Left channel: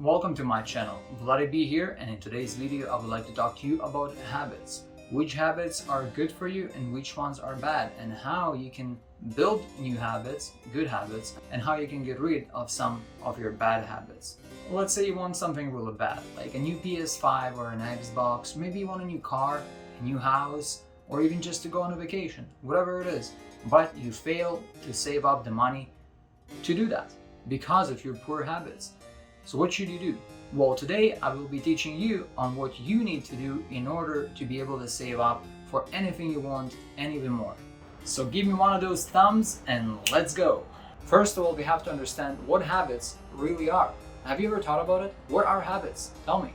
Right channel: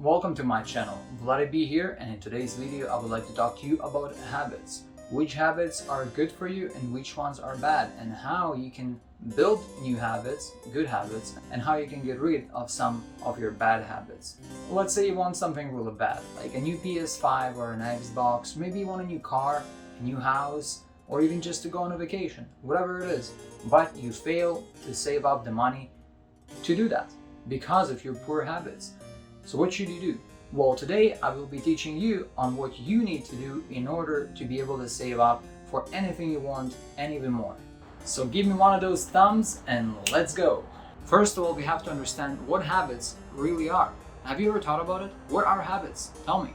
Welcome to my channel, Vladi B here, and in today's video I would like to talk to you about habits. Which habits are good for you and which ones are bad, and how you can build new habits, good habits, and how you can get rid of some of your bad habits. Let's say you want something really bad, like a new PS5 or an Xbox, maybe you want a new car, a new house, or even just to go on a vacation, whatever it is, but you fail to save up the money to do that because of your poor habits. So what should you do? Well, today I will be teaching you on what you need to do in order to be able to save up for anything you want and even more. So give me one of those thumbs and let's go. First of all, we have to understand what habits really are. Have you ever thought about it? What are habits? Tell me.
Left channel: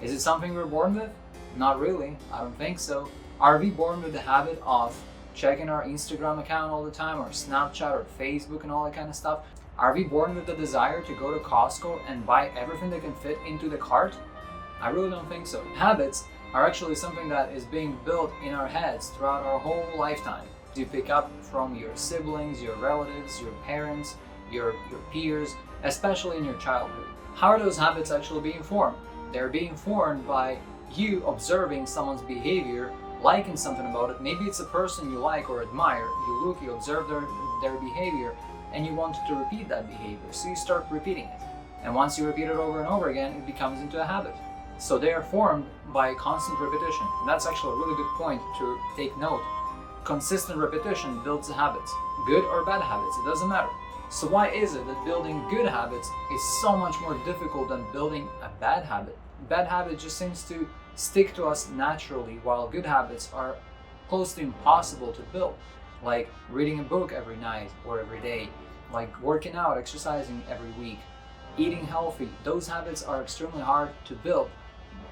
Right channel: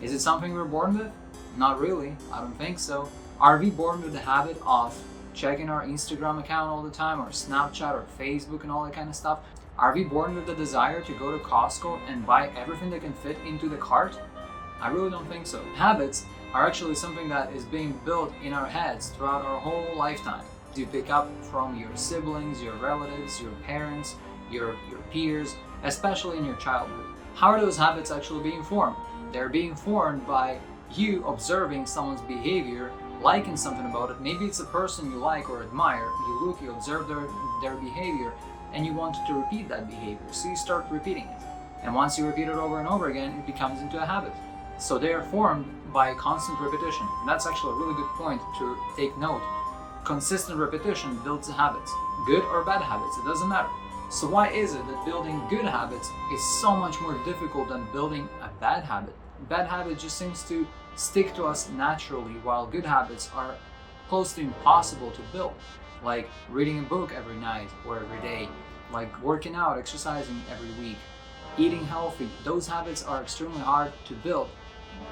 Is it something we're born with? Not really. I don't think so. Are we born with the habit of checking our Instagram account all the time, or Snapchat or Facebook and all that kind of stuff? Are we born with the desire to go to Costco and buy everything that can fit into the cart? I really don't think so. Habits are actually something that is being built in our heads throughout our whole lifetime. You pick up from your siblings, your relatives, your parents, your peers, especially in your childhood. How are those habits actually being formed? They're being formed by you observing someone's behavior, liking something about it. Maybe it's a person you like or admire. You look, you observe their behavior, and you want to repeat that behavior, so you start repeating it. And once you repeat it over and over again, it becomes into a habit. So they are formed by constant repetition. And that's actually a really good point to take note. Consistent repetition builds habits, good or bad habits, it doesn't matter. So why is it that building good habits is so much more difficult than building a bad habit? Bad habit just seems to stick to us naturally, while good habits are close to impossible to build. Like reading a book every night or every day, like working out, exercising every week, eating healthy. Those habits are extremely hard to build.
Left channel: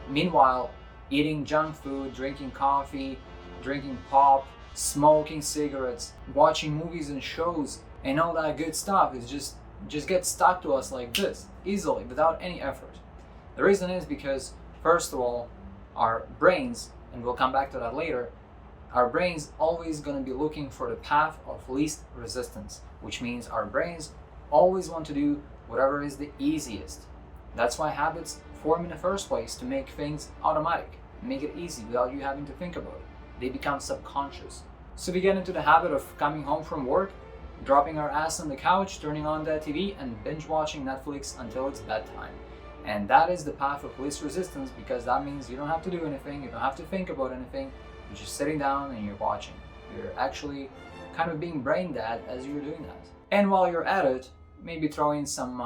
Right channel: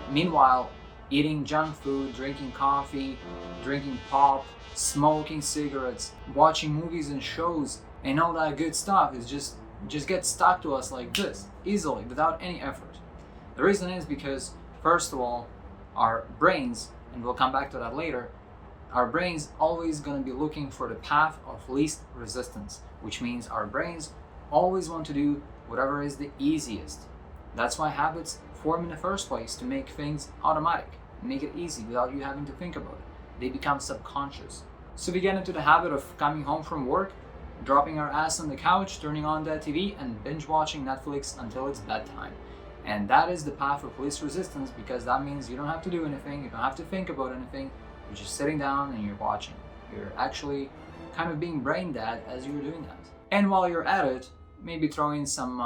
Meanwhile, eating junk food, drinking coffee, drinking pop, smoking cigarettes, watching movies and shows, and all that good stuff is just gets stuck to us like this, easily, without any effort. The reason is because, first of all, our brains, and we'll come back to that later, our brain's always going to be looking for the path of least resistance, which means our brains always want to do whatever is the easiest. That's why habits form in the first place, to make things automatic, make it easy without you having to think about it. They become subconscious. So we get into the habit of coming home from work, dropping our ass on the couch, turning on that TV, and binge watching Netflix until it's bedtime. And that is the path of least resistance, because that means you don't have to do anything, you don't have to think about anything. You're just sitting down and you're watching. You're actually kind of being brain dead as you're doing that. And while you're at it, maybe throw in some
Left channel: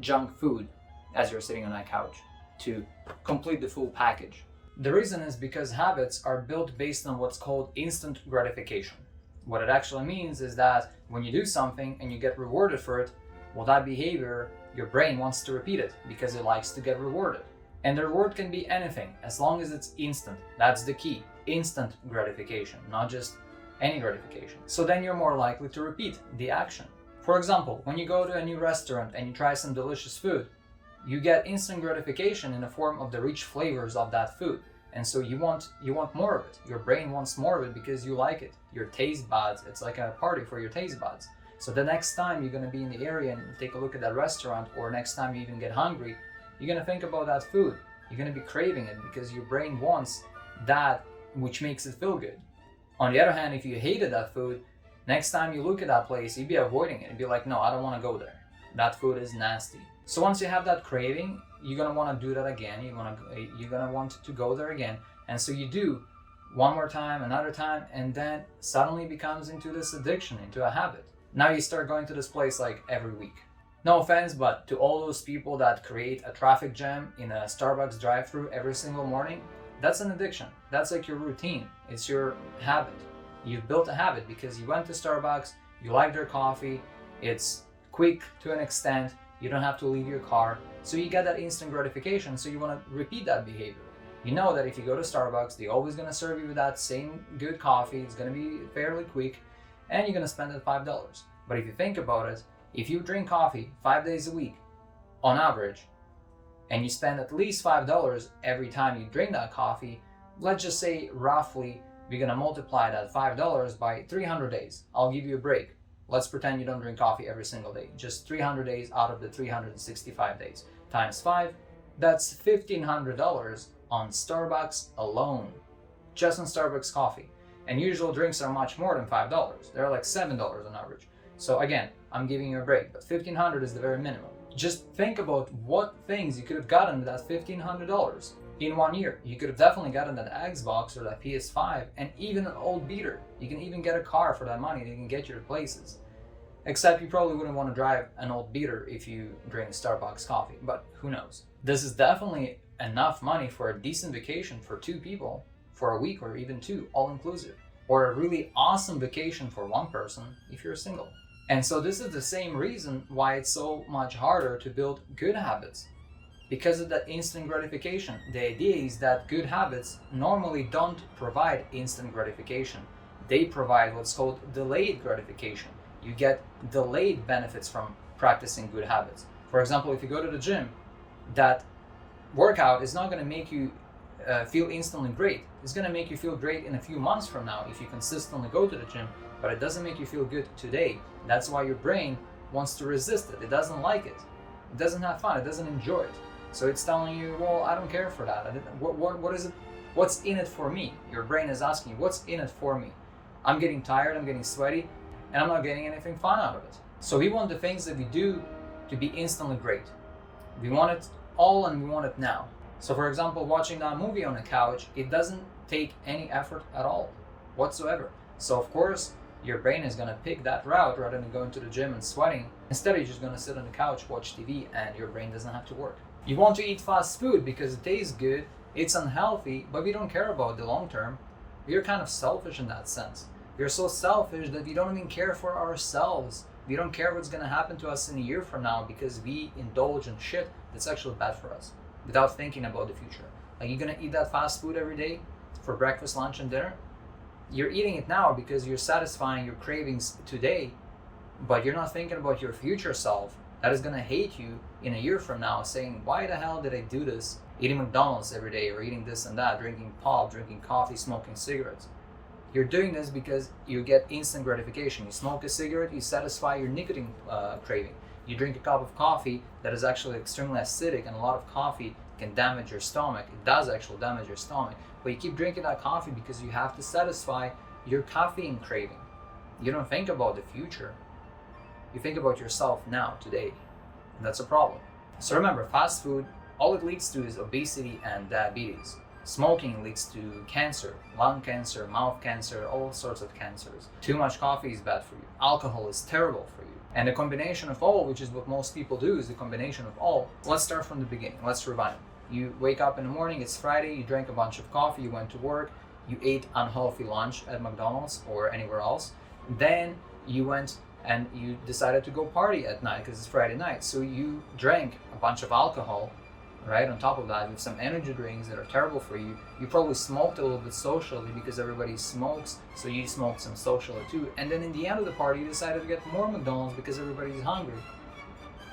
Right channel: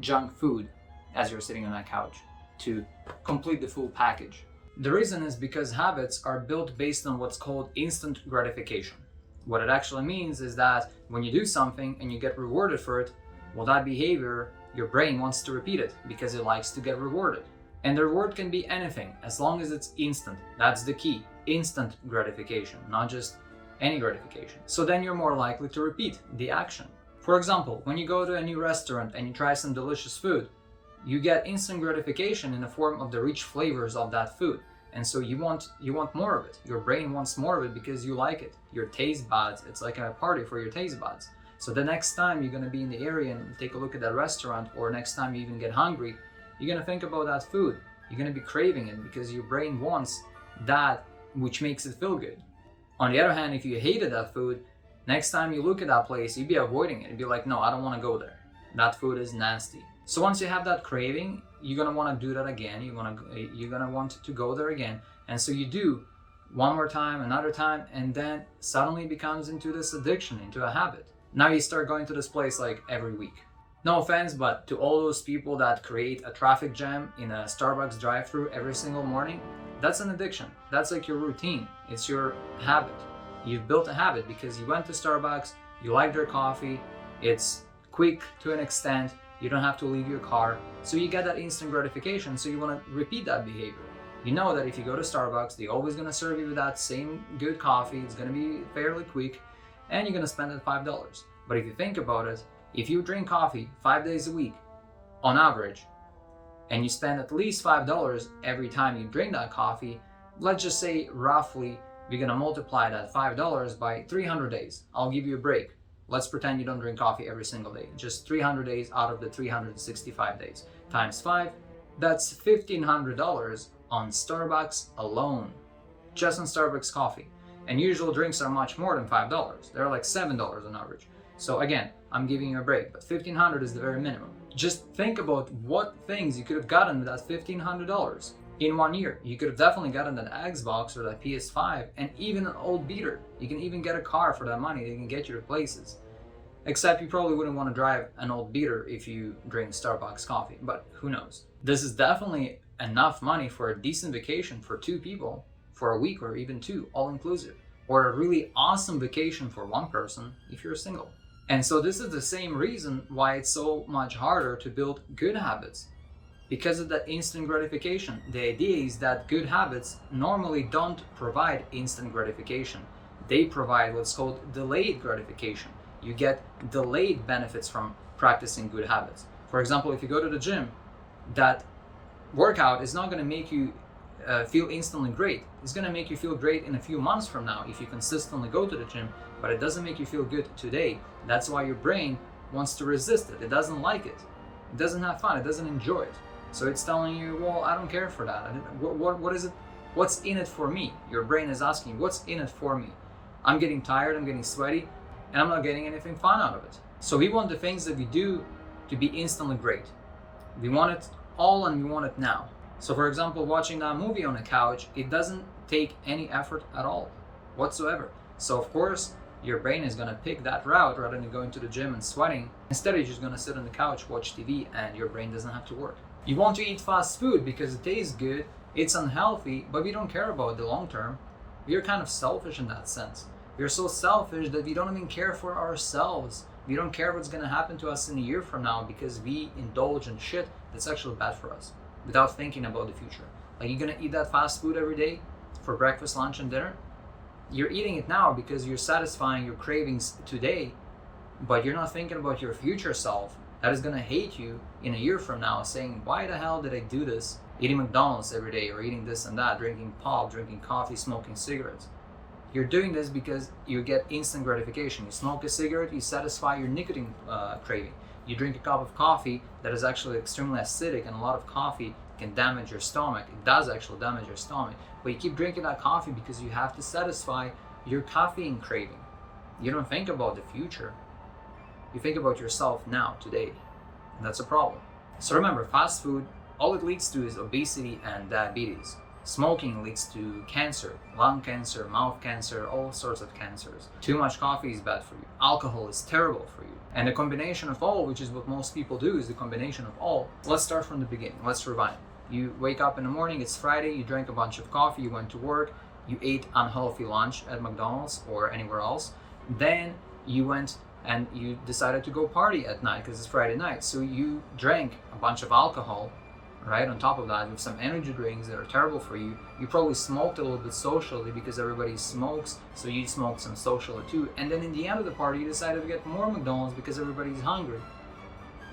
junk food as you're sitting on that couch to complete the full package. The reason is because habits are built based on what's called instant gratification. What it actually means is that when you do something and you get rewarded for it, well, that behavior, your brain wants to repeat it because it likes to get rewarded. And the reward can be anything, as long as it's instant. That's the key. Instant gratification, not just any gratification. So then you're more likely to repeat the action. For example, when you go to a new restaurant and you try some delicious food, you get instant gratification in the form of the rich flavors of that food. And so you want more of it. Your brain wants more of it because you like it. Your taste buds, it's like a party for your taste buds. So the next time you're gonna be in the area and take a look at that restaurant, or next time you even get hungry, you're gonna think about that food. You're gonna be craving it because your brain wants that which makes it feel good. On the other hand, if you hated that food, next time you look at that place, you'd be avoiding it. You'd be like, no, I don't want to go there. That food is nasty. So once you have that craving, you're gonna want to do that again. You're gonna want to go there again. And so you do one more time, another time, and then suddenly it becomes into this addiction, into a habit. Now you start going to this place like every week. No offense, but to all those people that create a traffic jam in a Starbucks drive-thru every single morning, that's an addiction. That's like your routine. It's your habit. You've built a habit because you went to Starbucks, you like their coffee, it's quick to an extent, you don't have to leave your car, so you get that instant gratification, so you want to repeat that behavior. You know that if you go to Starbucks, they're always going to serve you with that same good coffee, it's going to be fairly quick, and you're going to spend that $5. But if you think about it, if you drink coffee 5 days a week, on average, and you spend at least $5 every time you drink that coffee, let's just say roughly we're gonna multiply that $5 by 300 days. I'll give you a break. Let's pretend you don't drink coffee every single day, just 300 days out of the 365 days. times 5, that's $1,500 on Starbucks alone. Just on Starbucks coffee. And usual drinks are much more than $5. They're like $7 on average. So again, I'm giving you a break, but $1,500 is the very minimum. Just think about what things you could have gotten with that $1,500 in 1 year. You could have definitely gotten that Xbox or that PS5 and even an old beater. You can even get a car for that money. They can get you to places. Except you probably wouldn't want to drive an old beater if you drink Starbucks coffee, but who knows. This is definitely enough money for a decent vacation for 2 people for a week or even 2, all inclusive, or a really awesome vacation for 1 person if you're single. And so this is the same reason why it's so much harder to build good habits, because of that instant gratification. The idea is that good habits normally don't provide instant gratification. They provide what's called delayed gratification. You get delayed benefits from practicing good habits. For example, if you go to the gym, that workout is not going to make you feel instantly great. It's going to make you feel great in a few months from now if you consistently go to the gym, but it doesn't make you feel good today. That's why your brain wants to resist it. It doesn't like it. It doesn't have fun. It doesn't enjoy it. So it's telling you, well, I don't care for that. What is it? What's in it for me? Your brain is asking you, what's in it for me? I'm getting tired, I'm getting sweaty, and I'm not getting anything fun out of it. So we want the things that we do to be instantly great. We want it all and we want it now. So for example, watching that movie on the couch, it doesn't take any effort at all whatsoever. So of course, your brain is going to pick that route rather than going to the gym and sweating. Instead, you're just going to sit on the couch, watch TV, and your brain doesn't have to work. You want to eat fast food because it tastes good, it's unhealthy, but we don't care about the long term. We're kind of selfish in that sense. We're so selfish that we don't even care for ourselves. We don't care what's going to happen to us in a year from now because we indulge in shit that's actually bad for us without thinking about the future. Like, you're going to eat that fast food every day for breakfast, lunch, and dinner. You're eating it now because you're satisfying your cravings today, but you're not thinking about your future self that is going to hate you in a year from now, saying, why the hell did I do this? Eating McDonald's every day, or eating this and that, drinking pop, drinking coffee, smoking cigarettes. You're doing this because you get instant gratification. You smoke a cigarette, you satisfy your nicotine craving. You drink a cup of coffee that is actually extremely acidic, and a lot of coffee can damage your stomach. It does actually damage your stomach. But you keep drinking that coffee because you have to satisfy your caffeine craving. You don't think about the future. You think about yourself now, today. And that's a problem. So remember, fast food, all it leads to is obesity and diabetes. Smoking leads to cancer, lung cancer, mouth cancer, all sorts of cancers. Too much coffee is bad for you. Alcohol is terrible for you. And the combination of all, which is what most people do, is the combination of all. Let's start from the beginning. Let's rewind. You wake up in the morning, it's Friday, you drank a bunch of coffee, you went to work, you ate unhealthy lunch at McDonald's or anywhere else. Then you went and you decided to go party at night because it's Friday night. So you drank a bunch of alcohol, right? On top of that, with some energy drinks that are terrible for you. You probably smoked a little bit socially because everybody smokes, so you smoked some socially too. And then in the end of the party, you decided to get more McDonald's because everybody's hungry.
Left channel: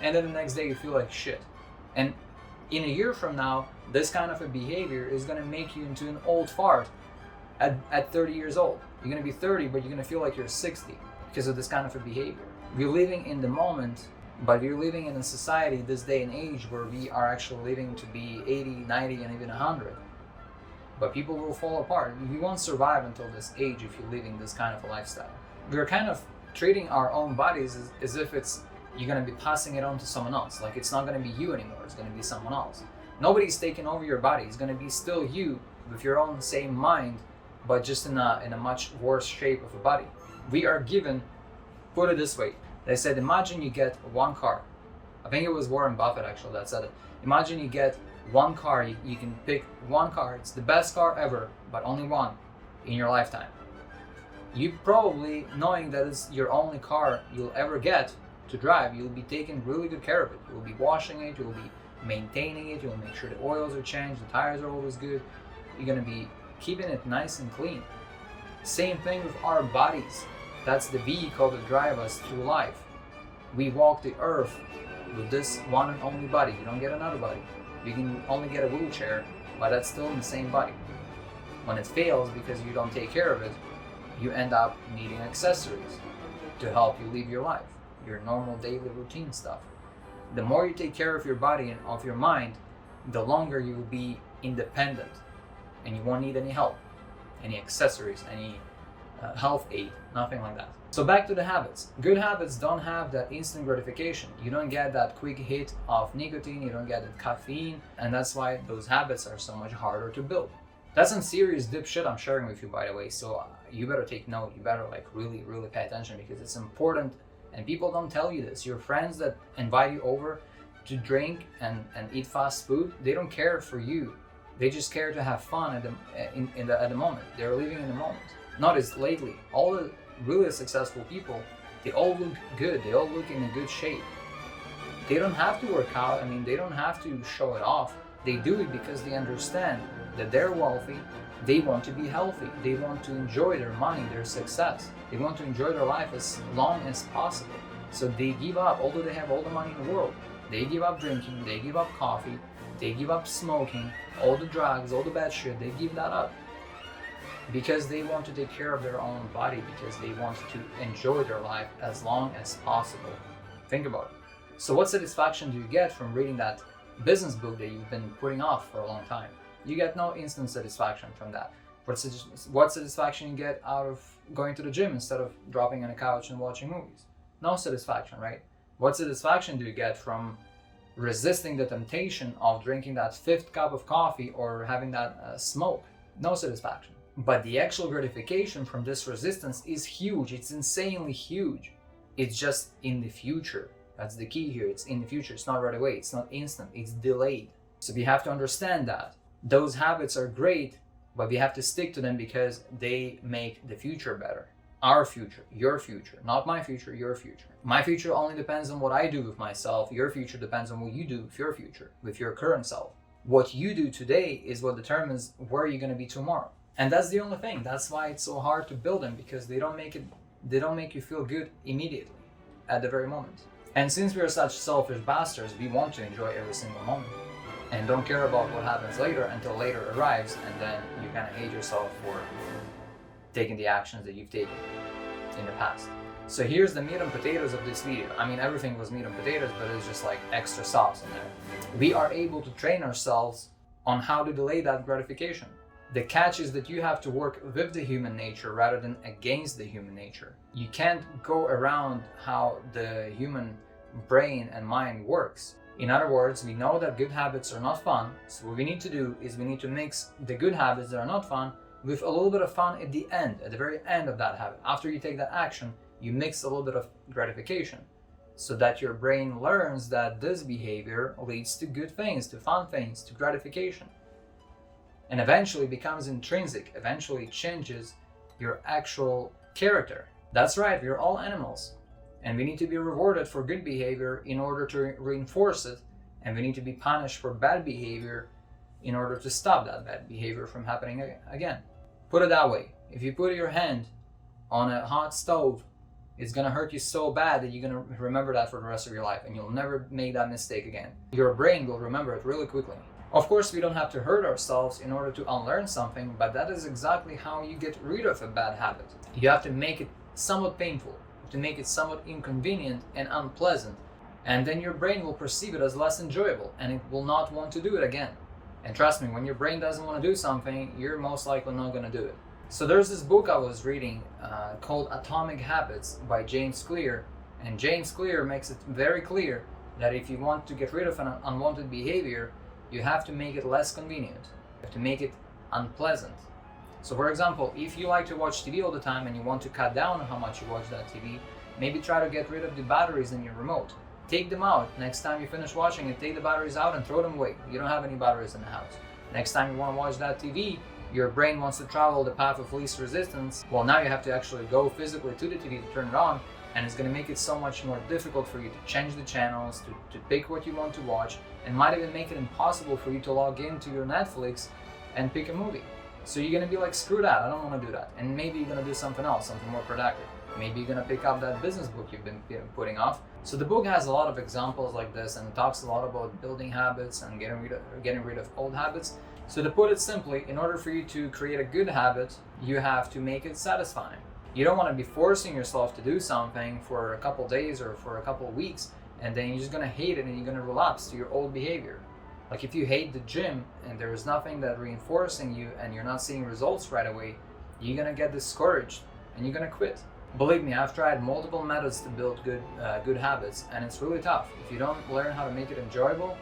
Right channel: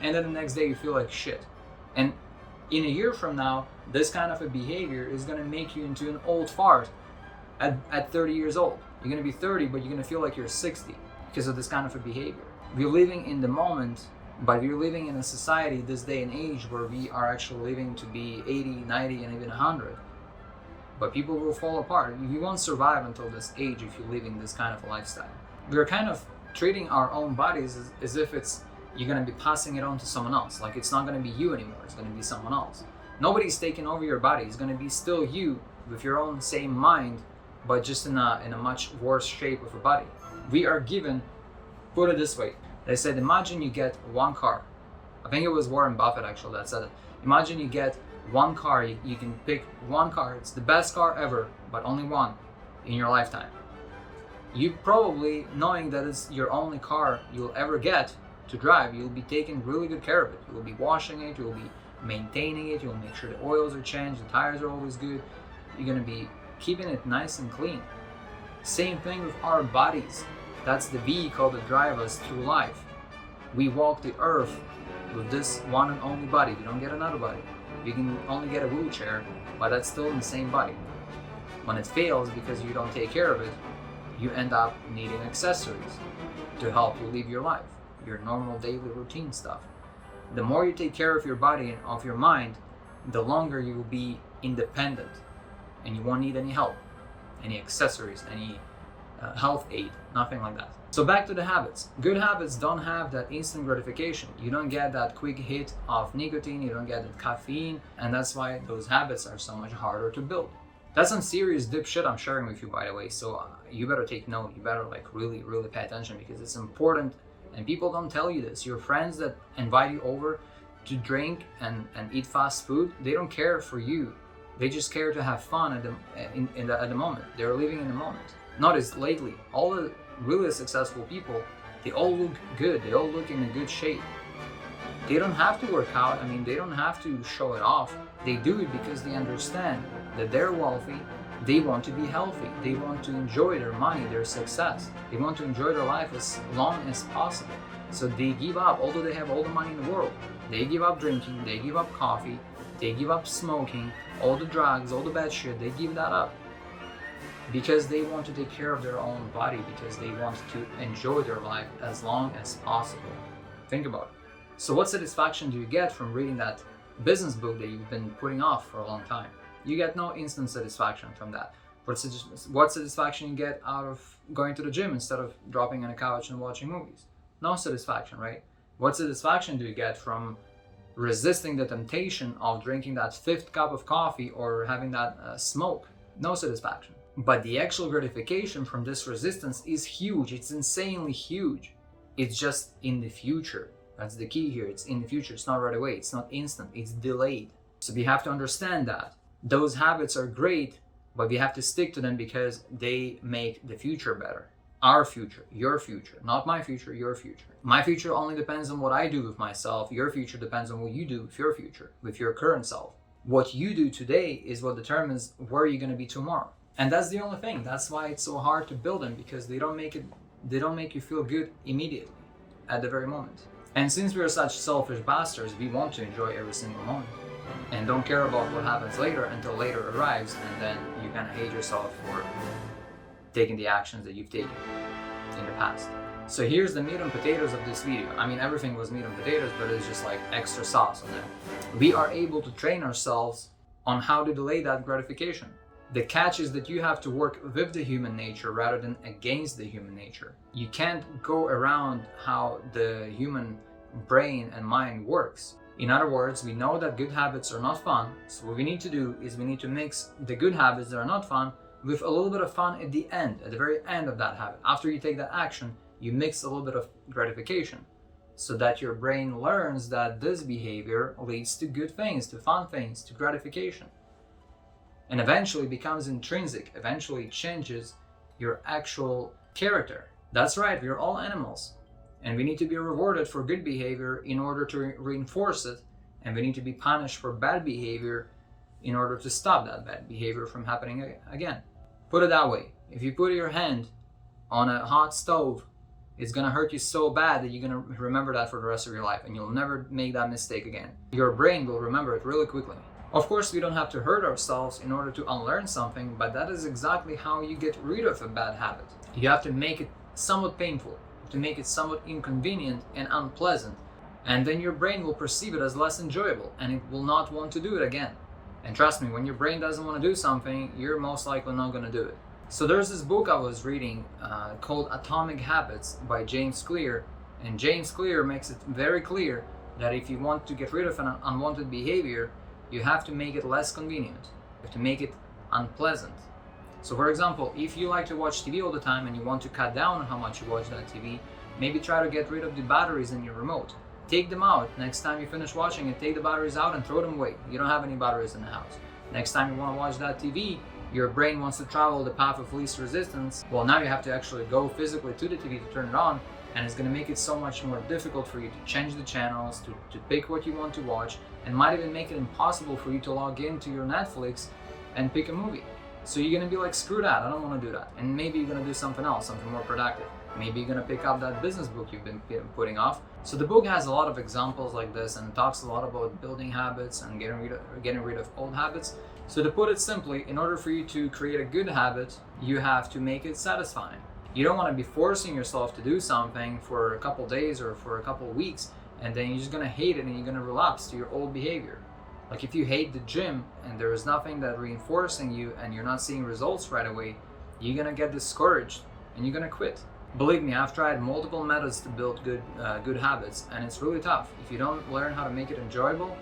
And then the next day you feel like shit. And in a year from now, this kind of a behavior is going to make you into an old fart at 30 years old. You're going to be 30, but you're going to feel like you're 60 because of this kind of a behavior. We're living in the moment, but we're living in a society this day and age where we are actually living to be 80, 90, and even 100. But people will fall apart. You won't survive until this age if you're living this kind of a lifestyle. We're kind of treating our own bodies as if you're going to be passing it on to someone else. Like, it's not going to be you anymore. It's going to be someone else. Nobody's taking over your body. It's going to be still you with your own same mind, but just in a much worse shape of a body. We are given, put it this way, they said, imagine you get one car. I think it was Warren Buffett actually that said it. Imagine you get one car, you can pick one car. It's the best car ever, but only one in your lifetime. You probably, knowing that it's your only car you'll ever get to drive, you'll be taking really good care of it. You'll be washing it, you'll be maintaining it, you'll make sure the oils are changed, the tires are always good. You're gonna be keeping it nice and clean. Same thing with our bodies. That's the vehicle that drives us through life. We walk the earth with this one and only body. You don't get another body. You can only get a wheelchair, but that's still in the same body. When it fails because you don't take care of it, you end up needing accessories to help you live your life, your normal daily routine stuff. The more you take care of your body and of your mind, the longer you will be independent and you won't need any help, any accessories, any health aid, nothing like that. So back to the habits. Good habits don't have that instant gratification. You don't get that quick hit of nicotine, you don't get that caffeine, and that's why those habits are so much harder to build. That's some serious deep shit I'm sharing with you, by the way, so you better take note. You better like really pay attention, because it's important, and people don't tell you this. Your friends that invite you over to drink and eat fast food, they don't care for you. They just care to have fun at the moment. They're living in the moment. Notice lately, all the really successful people, they all look good. They all look in a good shape. They don't have to work out. I mean, they don't have to show it off. They do it because they understand that they're wealthy. They want to be healthy. They want to enjoy their money, their success. They want to enjoy their life as long as possible. So they give up, although they have all the money in the world, they give up drinking, they give up coffee, they give up smoking, all the drugs, all the bad shit, they give that up. Because they want to take care of their own body, because they want to enjoy their life as long as possible. Think about it. So what satisfaction do you get from reading that business book that you've been putting off for a long time? You get no instant satisfaction from that. What satisfaction you get out of going to the gym instead of dropping on a couch and watching movies? No satisfaction, right? What satisfaction do you get from resisting the temptation of drinking that 5th cup of coffee or having that smoke? No satisfaction. But the actual gratification from this resistance is huge. It's insanely huge. It's just in the future. That's the key here. It's in the future. It's not right away. It's not instant. It's delayed. So we have to understand that. Those habits are great, but we have to stick to them because they make the future better. Our future, your future, not my future, your future. My future only depends on what I do with myself. Your future depends on what you do with your future, with your current self. What you do today is what determines where you're going to be tomorrow. And that's the only thing. That's why it's so hard to build them, because they don't make you feel good immediately at the very moment. And since we're such selfish bastards, we want to enjoy every single moment and don't care about what happens later until later arrives, and then you kind of hate yourself for taking the actions that you've taken in the past. So here's the meat and potatoes of this video. I mean, everything was meat and potatoes, but it's just like extra sauce on there. We are able to train ourselves on how to delay that gratification. The catch is that you have to work with the human nature rather than against the human nature. You can't go around how the human brain and mind works. In other words, we know that good habits are not fun, so what we need to do is we need to mix the good habits that are not fun with a little bit of fun at the end, at the very end of that habit. After you take that action, you mix a little bit of gratification so that your brain learns that this behavior leads to good things, to fun things, to gratification. And eventually becomes intrinsic, eventually changes your actual character. That's right, we're all animals. And we need to be rewarded for good behavior in order to reinforce it. And we need to be punished for bad behavior in order to stop that bad behavior from happening again. Put it that way. If you put your hand on a hot stove, it's gonna hurt you so bad that you're gonna remember that for the rest of your life, and you'll never make that mistake again. Your brain will remember it really quickly. Of course, we don't have to hurt ourselves in order to unlearn something, but that is exactly how you get rid of a bad habit. You have to make it somewhat painful, to make it somewhat inconvenient and unpleasant, and then your brain will perceive it as less enjoyable and it will not want to do it again. And trust me, when your brain doesn't want to do something, you're most likely not going to do it. So there's this book I was reading called Atomic Habits by James Clear, and James Clear makes it very clear that if you want to get rid of an unwanted behavior, you have to make it less convenient. You have to make it unpleasant. So for example, if you like to watch TV all the time and you want to cut down on how much you watch that TV, maybe try to get rid of the batteries in your remote. Take them out. Next time you finish watching it, take the batteries out and throw them away. You don't have any batteries in the house. Next time you want to watch that TV, your brain wants to travel the path of least resistance. Well, now you have to actually go physically to the TV to turn it on, and it's going to make it so much more difficult for you to change the channels, to pick what you want to watch, and might even make it impossible for you to log into your Netflix and pick a movie. So you're going to be like, screw that, I don't want to do that. And maybe you're going to do something else, something more productive. Maybe you're going to pick up that business book you've been putting off. So the book has a lot of examples like this, and it talks a lot about building habits and getting rid of old habits. So to put it simply, in order for you to create a good habit, you have to make it satisfying. You don't want to be forcing yourself to do something for a couple days or for a couple weeks and then you're just gonna hate it and you're gonna relapse to your old behavior. Like if you hate the gym and there is nothing that reinforcing you and you're not seeing results right away, you're gonna get discouraged and you're gonna quit. Believe me, I've tried multiple methods to build good habits, and it's really tough. If you don't learn how to make it enjoyable,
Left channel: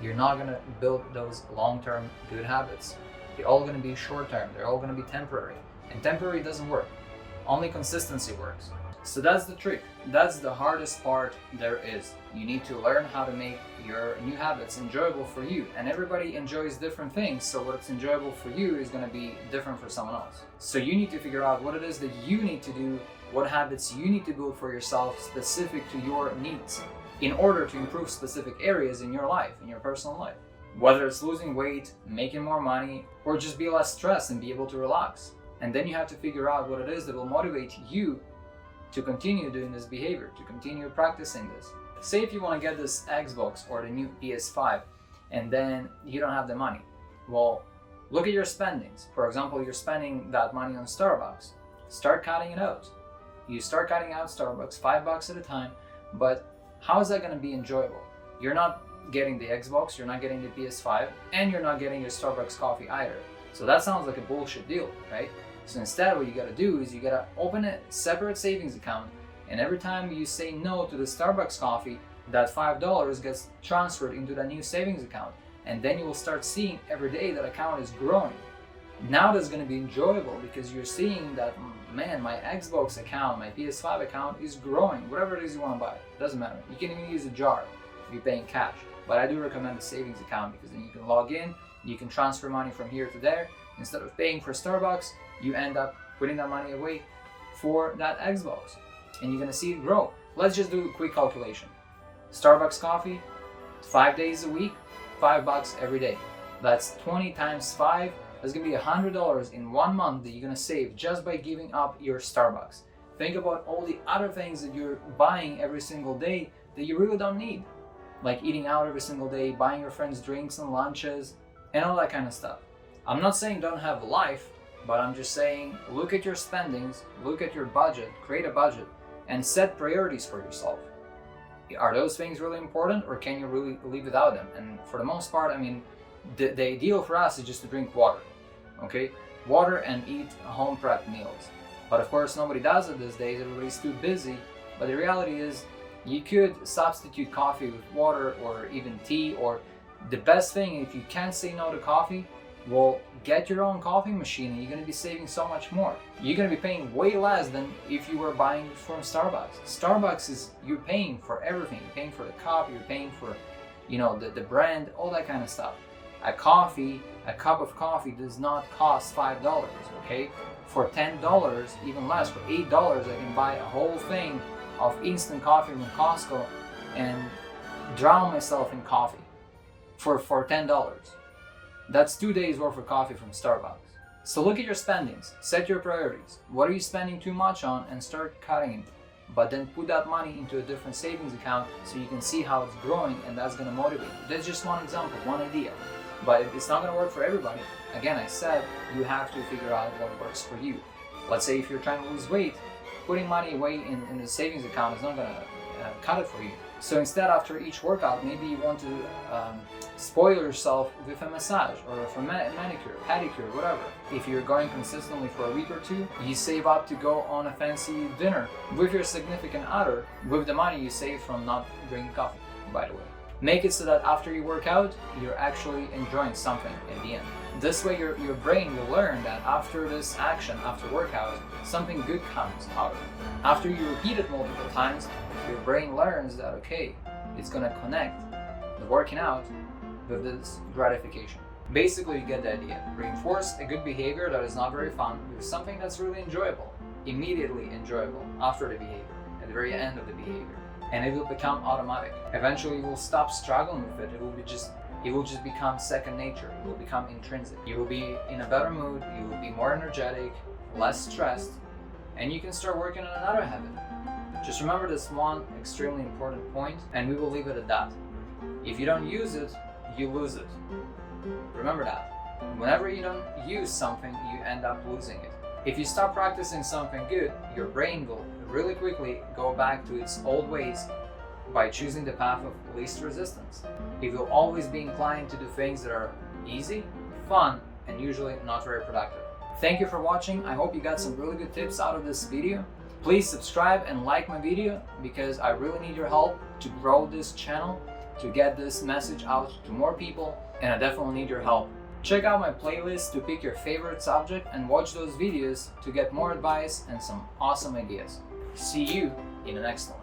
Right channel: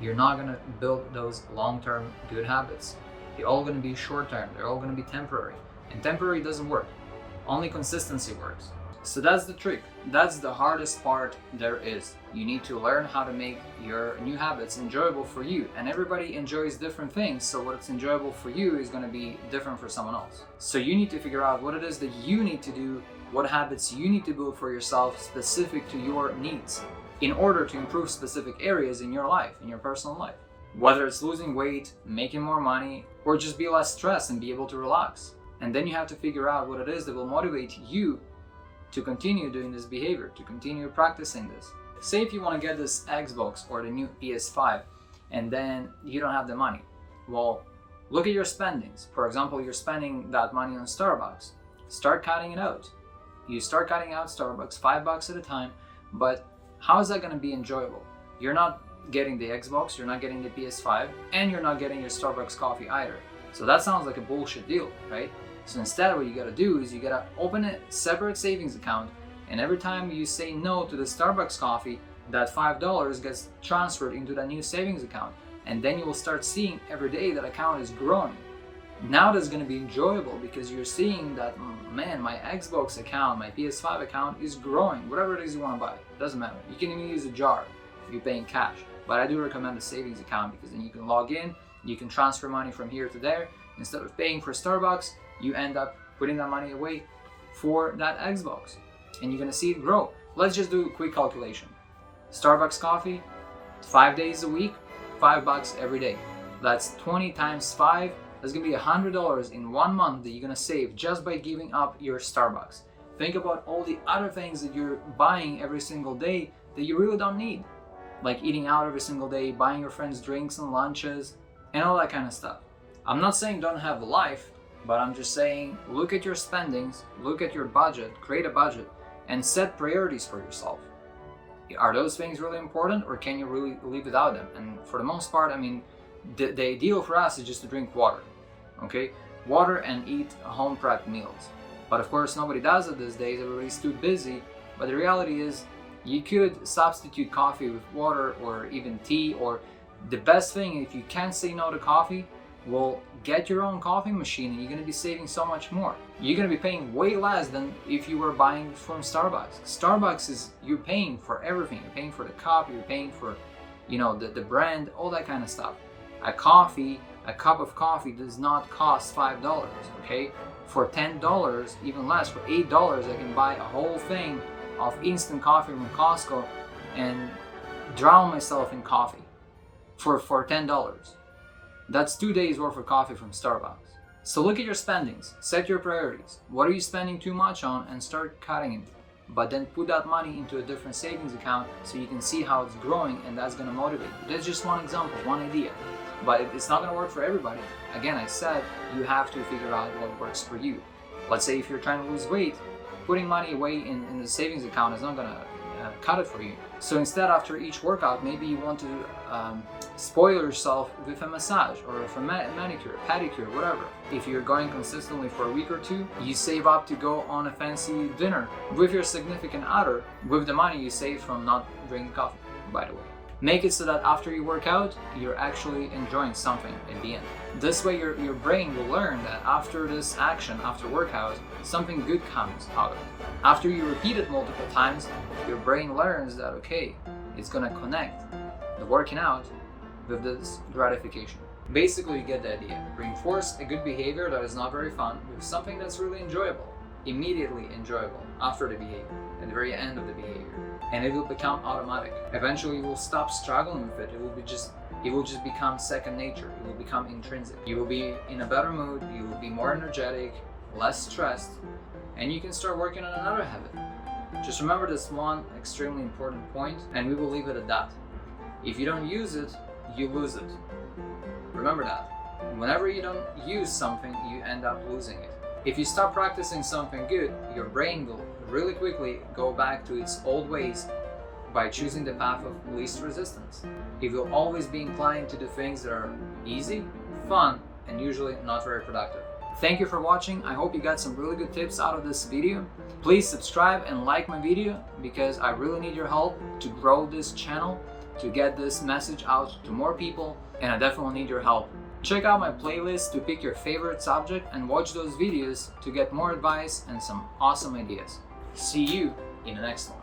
you're not gonna build those long-term good habits. They're all gonna be short-term. They're all gonna be temporary, and temporary doesn't work. Only consistency works. So that's the trick. That's the hardest part there is. You need to learn how to make your new habits enjoyable for you. And everybody enjoys different things, so what's enjoyable for you is going to be different for someone else. So you need to figure out what it is that you need to do, what habits you need to build for yourself specific to your needs in order to improve specific areas in your life, in your personal life. Whether it's losing weight, making more money, or just be less stressed and be able to relax. And then you have to figure out what it is that will motivate you to continue doing this behavior, to continue practicing this. Say if you want to get this Xbox or the new PS5 and then you don't have the money. Well, look at your spendings. For example, you're spending that money on Starbucks. Start cutting it out. You start cutting out Starbucks $5 at a time, but how is that going to be enjoyable? You're not getting the Xbox, you're not getting the PS5, and you're not getting your Starbucks coffee either. So that sounds like a bullshit deal, right? So instead, what you gotta do is you gotta open a separate savings account, and every time you say no to the Starbucks coffee, that $5 gets transferred into that new savings account. And then you will start seeing every day that account is growing. Now that's gonna be enjoyable because you're seeing that, man, my Xbox account, my PS5 account is growing. Whatever it is you wanna buy, doesn't matter. You can even use a jar if you're paying cash. But I do recommend a savings account because then you can log in, you can transfer money from here to there. Instead of paying for Starbucks, you end up putting that money away for that Xbox, and you're gonna see it grow. Let's just do a quick calculation. Starbucks coffee, 5 days a week, $5 every day. That's 20 times 5. That's gonna be $100 in 1 month that you're gonna save just by giving up your Starbucks. Think about all the other things that you're buying every single day that you really don't need, like eating out every single day, buying your friends drinks and lunches, and all that kind of stuff. I'm not saying don't have a life, but I'm just saying look at your spendings, look at your budget, create a budget, and set priorities for yourself. Are those things really important, or can you really live without them? And for the most part, I mean, the ideal for us is just to drink water, okay? Water and eat home prepped meals. But of course, nobody does it these days, everybody's too busy. But the reality is, you could substitute coffee with water or even tea, or the best thing, if you can't say no to coffee, well, get your own coffee machine and you're going to be saving so much more. You're going to be paying way less than if you were buying from Starbucks. Starbucks is, you're paying for everything. You're paying for the cup, you're paying for, you know, the brand, all that kind of stuff. A cup of coffee does not cost $5, okay? For $10, even less, for $8, I can buy a whole thing of instant coffee from Costco and drown myself in coffee for $10. That's 2 days worth of coffee from Starbucks. So look at your spendings, set your priorities. What are you spending too much on, and start cutting it. But then put that money into a different savings account so you can see how it's growing, and that's gonna motivate you. That's just one example, one idea. But it's not gonna work for everybody. Again, I said you have to figure out what works for you. Let's say if you're trying to lose weight, putting money away in the savings account is not gonna cut it for you. So instead, after each workout, maybe you want to spoil yourself with a massage or with a manicure, pedicure, whatever. If you're going consistently for a week or two, you save up to go on a fancy dinner with your significant other with the money you save from not drinking coffee, by the way. Make it so that after you work out, you're actually enjoying something at the end. This way your brain will learn that after this action, after workout, something good comes out of it. After you repeat it multiple times, your brain learns that, okay, it's gonna connect the working out with this gratification. Basically, you get the idea. Reinforce a good behavior that is not very fun with something that's really enjoyable, immediately enjoyable after the behavior, at the very end of the behavior. And it will become automatic. Eventually you will stop struggling with it. It will just become second nature. It will become intrinsic. You will be in a better mood, you will be more energetic, less stressed, and you can start working on another habit. Just remember this one extremely important point, and we will leave it at that. If you don't use it, you lose it. Remember that. Whenever you don't use something, you end up losing it. If you stop practicing something good, your brain will really quickly go back to its old ways, by choosing the path of least resistance. You will always be inclined to do things that are easy, fun, and usually not very productive. Thank you for watching. I hope you got some really good tips out of this video. Please subscribe and like my video because I really need your help to grow this channel, to get this message out to more people, and I definitely need your help. Check out my playlist to pick your favorite subject and watch those videos to get more advice and some awesome ideas. See you in the next one.